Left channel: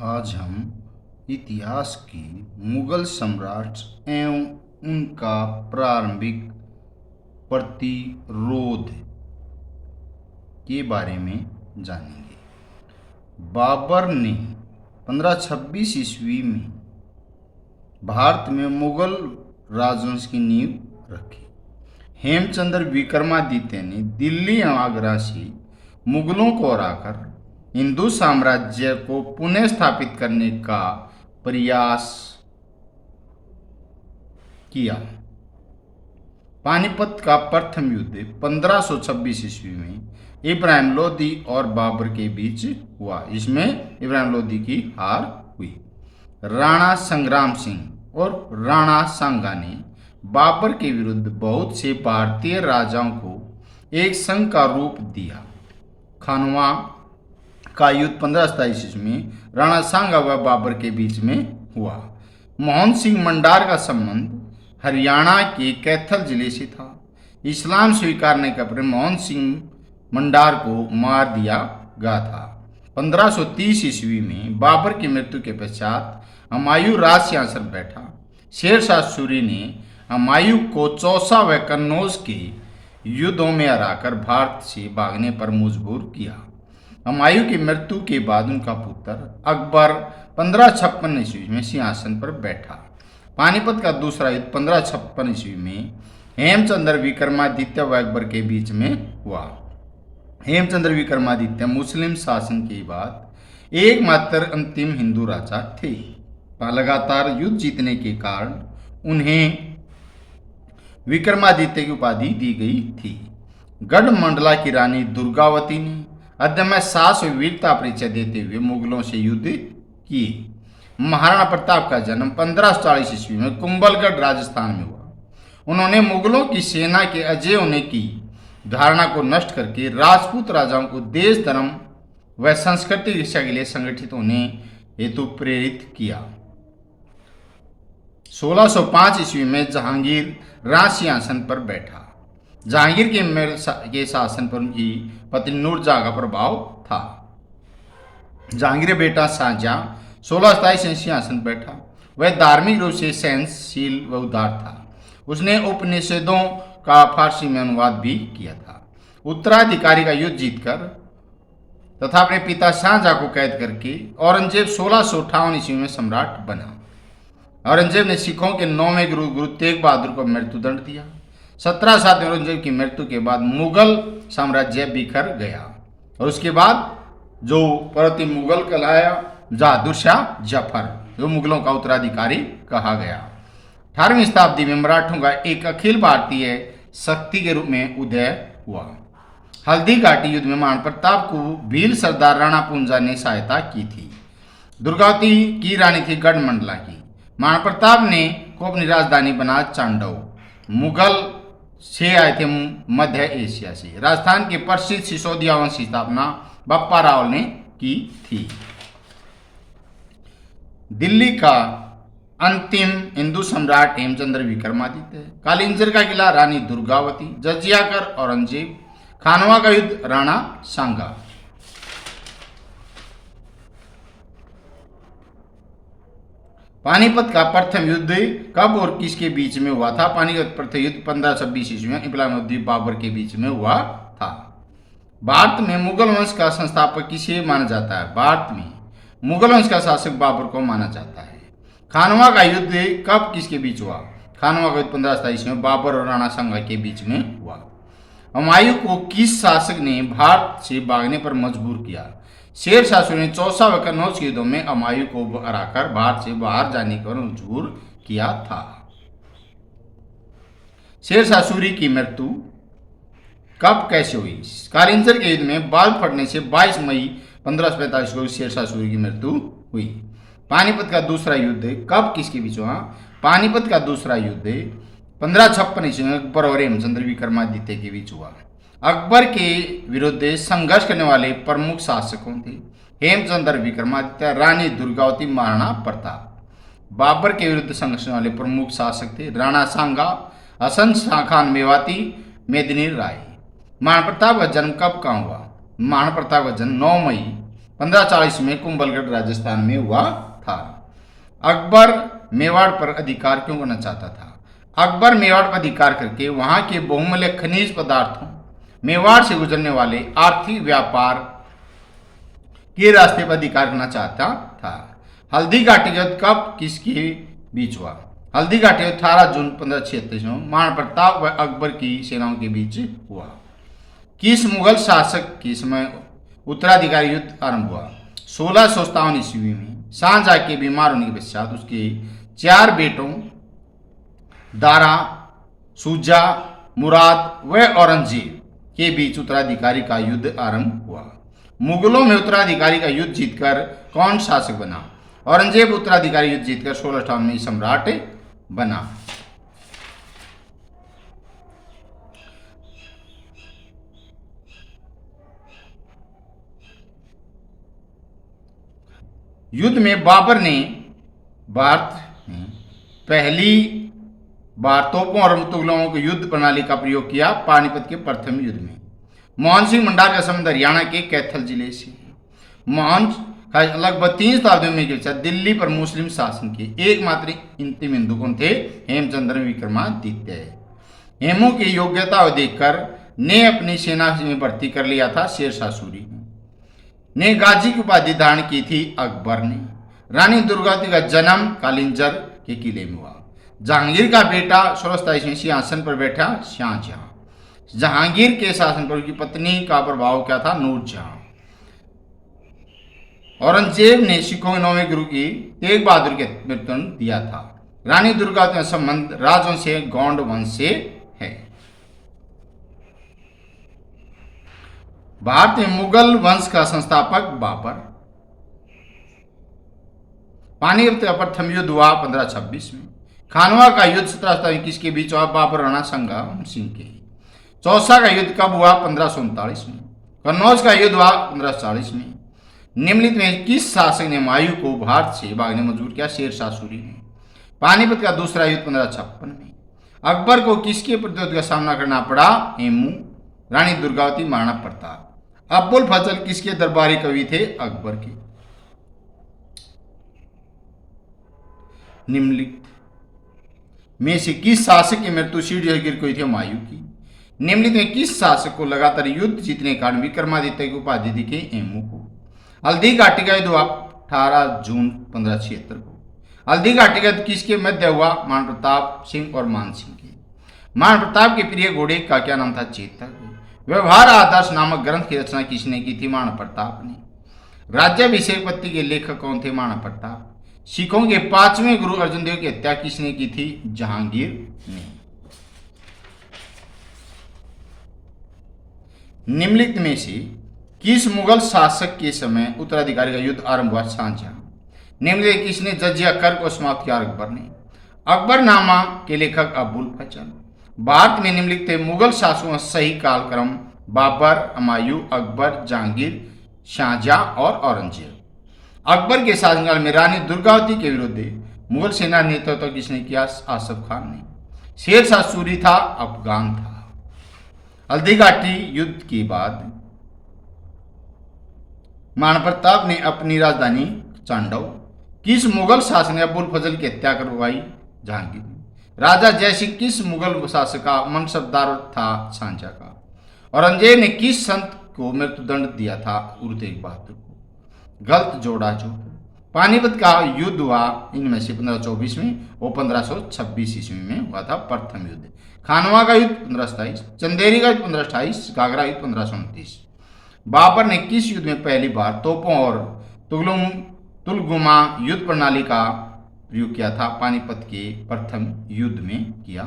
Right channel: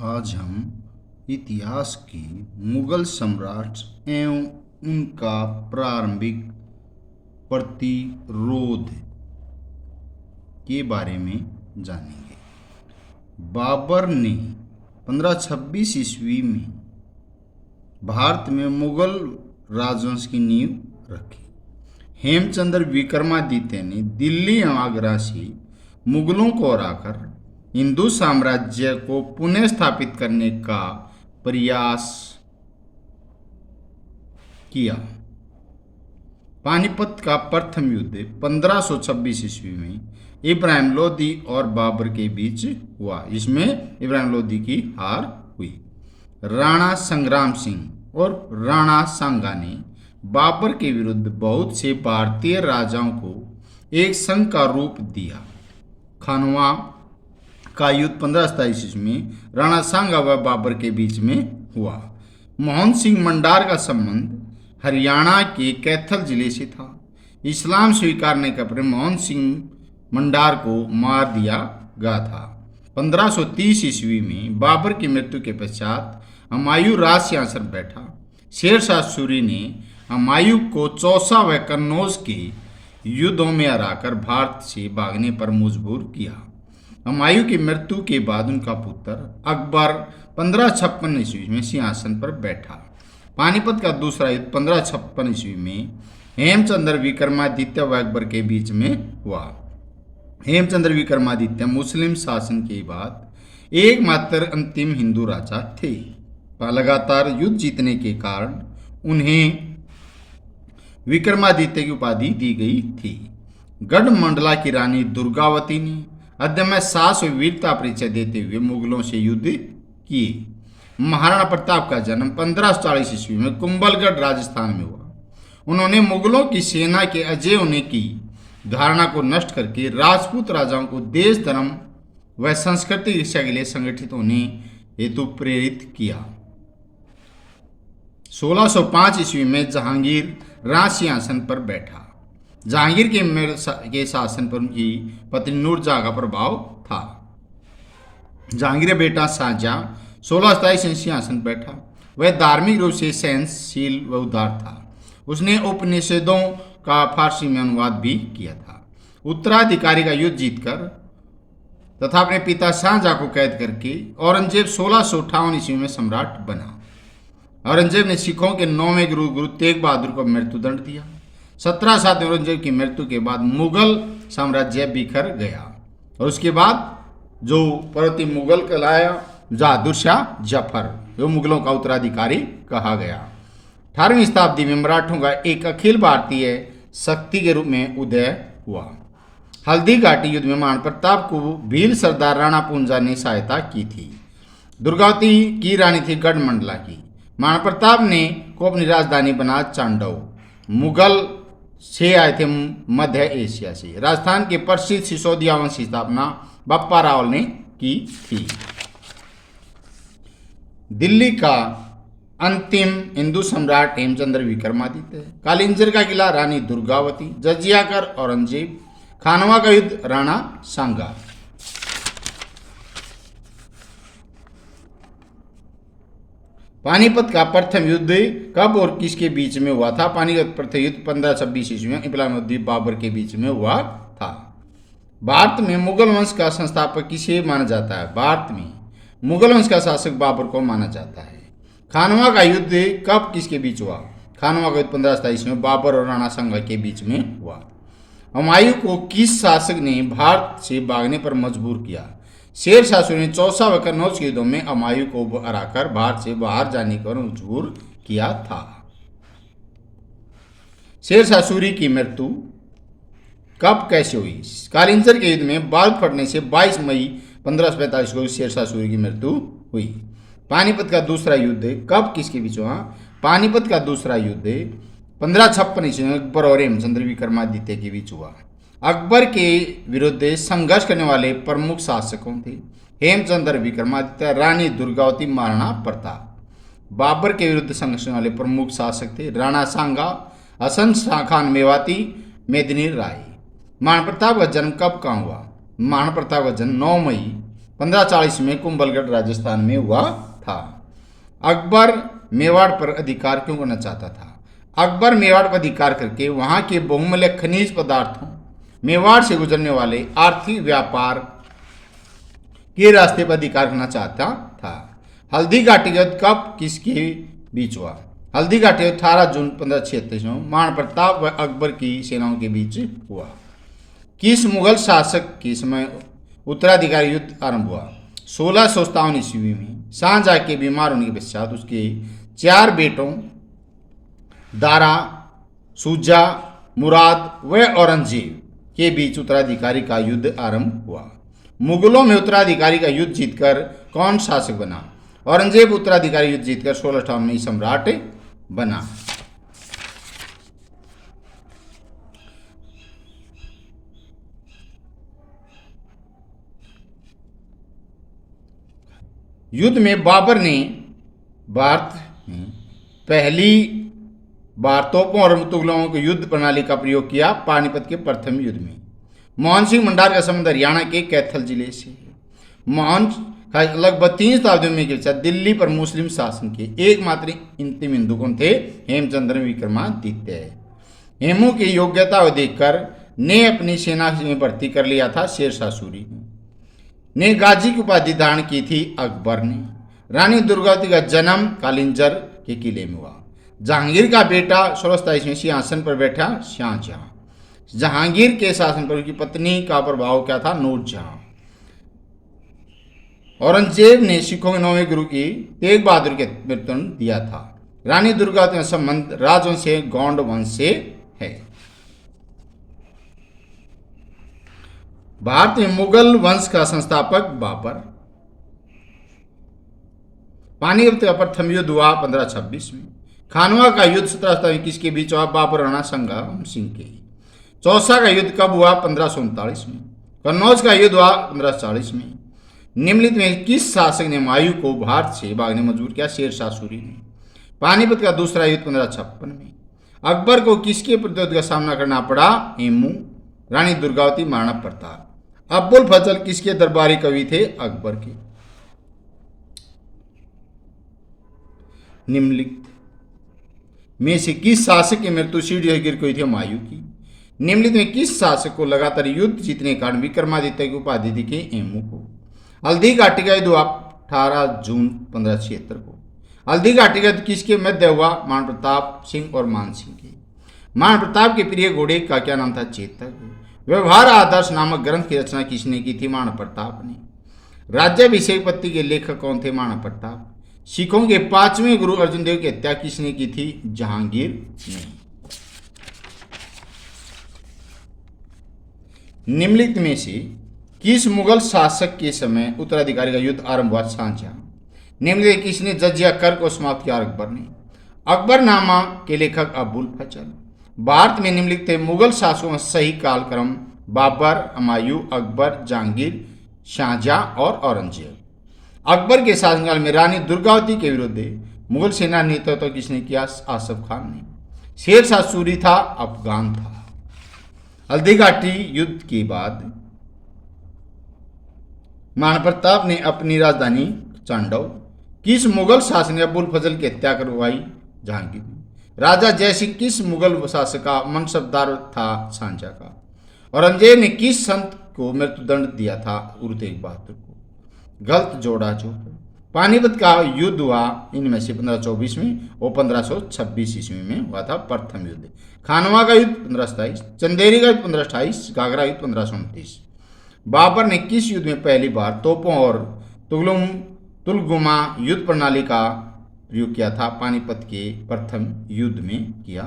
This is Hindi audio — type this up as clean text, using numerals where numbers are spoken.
आज हम इतिहास की मुगल सम्राट एवं उनका प्रारंभिक प्रतिरोध के बारे में जानेंगे। बाबर ने 1526 ईस्वी में भारत में मुगल राजवंश की नींव रखी। हेमचंद्र विक्रमादित्य ने दिल्ली एवं आगरा से मुगलों को हराकर हिंदू साम्राज्य को पुनः स्थापित करने का प्रयास किया। पानीपत का प्रथम युद्ध 1526 ईस्वी में इब्राहिम लोदी और बाबर के बीच हुआ। इसमें इब्राहिम लोदी की हार हुई। राणा संग्राम सिंह और राणा सांगा ने बाबर के विरुद्ध बहुत से भारतीय राजाओं को एक संघ का रूप दिया। खानवा का युद्ध 1527 ईस्वी में राणा सांगा व बाबर के बीच में हुआ। मोहन सिंह मंडार का संबंध हरियाणा के कैथल जिले से था। इस्लाम स्वीकारने के पर मोहन सिंह मंडार को मार दिया गया था। 1530 ईस्वी में बाबर की मृत्यु के पश्चात हुमायूं राज सिंहासन पर बैठा। शेर शाह सूरी ने हुमायूं को चौसा व कन्नौज के युद्धों में हराकर भारत से भागने पर मजबूर किया। हुमायूं की मृत्यु के बाद उनका पुत्र अकबर 1556 ईस्वी में सिंहासन पर बैठा। पानीपत का दूसरा युद्ध 1556 ईस्वी में हेमचंद्र विक्रमादित्य व अकबर के बीच में हुआ। हेमचंद्र विक्रमादित्य मुस्लिम शासन के बाद एकमात्र अंतिम हिंदू राजा थे। लगातार युद्ध जीतने के कारण उन्हें विक्रमादित्य की उपाधि दी गई थी। गढ़मंडला की रानी दुर्गावती ने अदम्य साहस और वीरता परिचय देते हुए मुगलों से युद्ध किए। महाराणा प्रताप का जन्म 1540 ईस्वी में कुंभलगढ़ राजस्थान में हुआ। उन्होंने मुगलों की सेना के अजय होने की धारणा को नष्ट करके राजपूत राजाओं को देश धर्म व संस्कृति शिक्षा के लिए संगठित होने हेतु प्रेरित किया। 1605 ईस्वी में जहांगीर राज सिंहासन पर बैठा। जहांगीर के शासन पर उनकी पत्नी नूरजहां का प्रभाव था। जहांगीर बेटा शाहजहां 1627 सिंहासन पर बैठा। वह धार्मिक रूप से सहनशील व उदार था। उसने उपनिषदों का फारसी में अनुवाद भी किया था। उत्तराधिकारी का युद्ध जीतकर तथा अपने पिता शाहजहां को कैद करके औरंगजेब 1658 ईस्वी में सम्राट बना। औरंगजेब ने सिखों के 9वें गुरु तेग बहादुर को मृत्युदंड दिया। 1707 में औरंगजेब की मृत्यु के बाद मुगल साम्राज्य बिखर गया और उसके बाद जो पर्वतीय मुगल कहलाया बहादुर शाह जफर, जो मुगलों का उत्तराधिकारी कहा गया। 18वीं शताब्दी में मराठों का एक अखिल भारतीय शक्ति के रूप में उदय हुआ। हल्दी घाटी युद्ध में महाराणा प्रताप को भील सरदार राणा पुंजा ने सहायता की थी। दुर्गावती की रानी थी गढ़मंडला की। महाराणा प्रताप ने को अपनी राजधानी बना चांडव। मुगल से आए थे मध्य एशिया से। राजस्थान के प्रसिद्ध सिसोदिया वंश की स्थापना बप्पा रावल ने की थी। दिल्ली का अंतिम हिंदू सम्राट हेमचंद्र विक्रमादित्य। कालिंजर का किला रानी दुर्गावती। जजिया कर औरंगजेब। खानवा का युद्ध राणा सांगा। पानीपत का प्रथम युद्ध कब और किसके बीच में हुआ था? पानीपत प्रथम युद्ध 1526 ईस्वी में इब्राहिम लोदी बाबर के बीच में हुआ था। भारत में मुगल वंश का संस्थापक किसे माना जाता है? भारत में मुगल वंश का शासक बाबर को माना जाता है। खानवा का युद्ध कब किसके बीच हुआ? खानवा का युद्ध 1527 में बाबर और राणा सांगा के बीच में हुआ। हुमायूं को किस शासक ने भारत से भागने पर मजबूर किया? शेर शाह सूरी ने चौसा व कन्नौज के युद्धों में हुमायूं को हराकर भारत से बाहर जाने पर मजबूर किया था। शेर शाह सूरी की मृत्यु कब कैसे हुई? कालिंजर के युद्ध में बाल फटने से 22 मई 1545 को शेर शाह सूरी की मृत्यु हुई। पानीपत का दूसरा युद्ध कब किसके बीच हुआ? पानीपत का दूसरा युद्ध 1556 ईस्वी में अकबर और हेमचंद्र विक्रमादित्य के बीच हुआ। अकबर के विरुद्ध संघर्ष करने वाले प्रमुख शासकों थे हेमचंद्र विक्रमादित्य, रानी दुर्गावती, महाराणा प्रताप। बाबर के विरुद्ध संघर्ष करने वाले प्रमुख शासक थे राणा सांगा, हसन शाह खान मेवाती, मेदिनी राय। महाराणा प्रताप का जन्म कब कहाँ हुआ? महाराणा प्रताप का जन्म 9 मई 1540 में कुंभलगढ़ राजस्थान में हुआ था। अकबर मेवाड़ पर अधिकार क्यों करना चाहता था? अकबर मेवाड़ पर अधिकार करके वहां के बहुमूल्य खनिज पदार्थों, मेवाड़ से गुजरने वाले आर्थिक व्यापार के रास्ते पर अधिकार करना चाहता था। हल्दी घाटी का युद्ध कब किसके बीच हुआ? हल्दी घाटी 18 जून 1536 में महाराणा प्रताप व अकबर की सेनाओं के बीच हुआ। किस मुगल शासक के समय उत्तराधिकारी युद्ध आरंभ हुआ? 1657 ईस्वी में शाहजहां के बीमार होने के पश्चात उसके 4 बेटों दारा, शुजा, मुराद व औरंगजेब के बीच उत्तराधिकारी का युद्ध आरंभ हुआ। मुगलों में उत्तराधिकारी का युद्ध जीतकर कौन शासक बना? औरंगजेब उत्तराधिकारी युद्ध जीतकर 1658 में सम्राट बना। युद्ध में बाबर ने भारत में पहली बार तोपों और तुगलकों की युद्ध प्रणाली का प्रयोग किया। पानीपत के प्रथम युद्ध में मोहन सिंह भंडार का संबंध हरियाणा के कैथल जिले से। मोहन का लगभग 3 शताब्दियों में गिरचा दिल्ली पर मुस्लिम शासन के एकमात्र अंतिम हिंदू कौन थे? हेमचंद्र विक्रमादित्य। हेमू की योग्यता को देखकर ने अपनी सेना में भर्ती कर लिया था शेरशाह सूरी ने गाजी की उपाधि धारण की थी अकबर ने। रानी दुर्गावती का जन्म कालिंजर के किले में हुआ। जहांगीर का बेटा 1627 में सिंहासन पर बैठा शाहजहां। जहांगीर के शासन पर उनकी पत्नी का प्रभाव क्या था? नूरजहां। औरंगजेब ने सिखों के 9वें गुरु की तेग बहादुर के नेतृत्व दिया था। रानी दुर्गावती का संबंध राजवंश से गौंड वंश से है। भारत में मुगल वंश का संस्थापक बाबर। पानीपत का प्रथम युद्ध हुआ 1526 में। खानवा का युद्ध 1727 किसके बीच हुआ? बाबर राणा संग्राम सिंह के। चौसा का युद्ध कब हुआ? 1539 में। कन्नौज का युद्ध हुआ 1540 में। निम्नलिखित में किस शासक ने हुमायूं को भारत से भागने मजबूर किया? शेरशाह सूरी ने। पानीपत का दूसरा युद्ध 1556 में। अकबर को किसके प्रतिरोध का सामना करना पड़ा? हेमू, रानी दुर्गावती, महाराणा प्रताप। अब्बुल फजल किसके दरबारी कवि थे? अकबर के। निम्नलिखित में से किस शासक की मृत्यु सीढ़ी से गिर गई थी? हुमायूं की। निम्नलिखित में किस शासक को लगातार युद्ध जीतने के कारण विक्रमादित्य की उपाधि दी गई? हेमू को। हल्दी घाटी का युद्ध हुआ 18 जून 1576 को। हल्दी घाटी का युद्ध किसके मध्य हुआ? महाराणा प्रताप सिंह और मान सिंह के। महाराणा प्रताप के प्रिय घोड़े का क्या नाम था? चेतक। व्यवहार आदर्श नामक ग्रंथ की रचना किसने की थी? महाराणा प्रताप ने। राज्याभिषेक पत्ती के लेखक कौन थे? महाराणा प्रताप। सिखों के 5वें गुरु अर्जुन देव की हत्या किसने की थी? जहांगीर ने। निम्नलिखित में से किस मुगल शासक के समय उत्तराधिकारी का युद्ध आरंभ हुआ? शाहजहां। निम्नलिखित किसने जजिया कर को समाप्त किया? अकबर ने। अकबरनामा के लेखक अबुल फजल। भारत में निम्नलिखित मुगल शासकों का सही कालक्रम? बाबर, हुमायूं, अकबर, जहांगीर, शाहजहां और औरंगजेब। अकबर के शासनकाल में रानी दुर्गावती के विरुद्ध मुगल सेना नेतृत्व किसने किया? आसफ खान ने। शेरशाह सूरी था अफगान था। हल्दी घाटी युद्ध के बाद महाराणा प्रताप ने अपनी राजधानी चांडव किस मुगल शासक ने अबुल फजल की हत्या करवाई? जहांगीर ने। राजा जयसिंह किस मुगल शासक का मनसबदार था? शाहजहां का। औरंगजेब ने किस संत को मृत्युदंड दिया था? गुरु तेग बहादुर को। गलत जोड़ा जो। पानीपत का युद्ध हुआ इनमें से 1524 में और 1526 ईस्वी में हुआ था प्रथम युद्ध। खानवा का युद्ध 1527, चंदेरी का युद्ध 1528, घाघरा युद्ध 1529। बाबर ने किस युद्ध में पहली बार तोपों और तुलगुमा युद्ध प्रणाली का प्रयोग किया था? पानीपत के प्रथम युद्ध में किया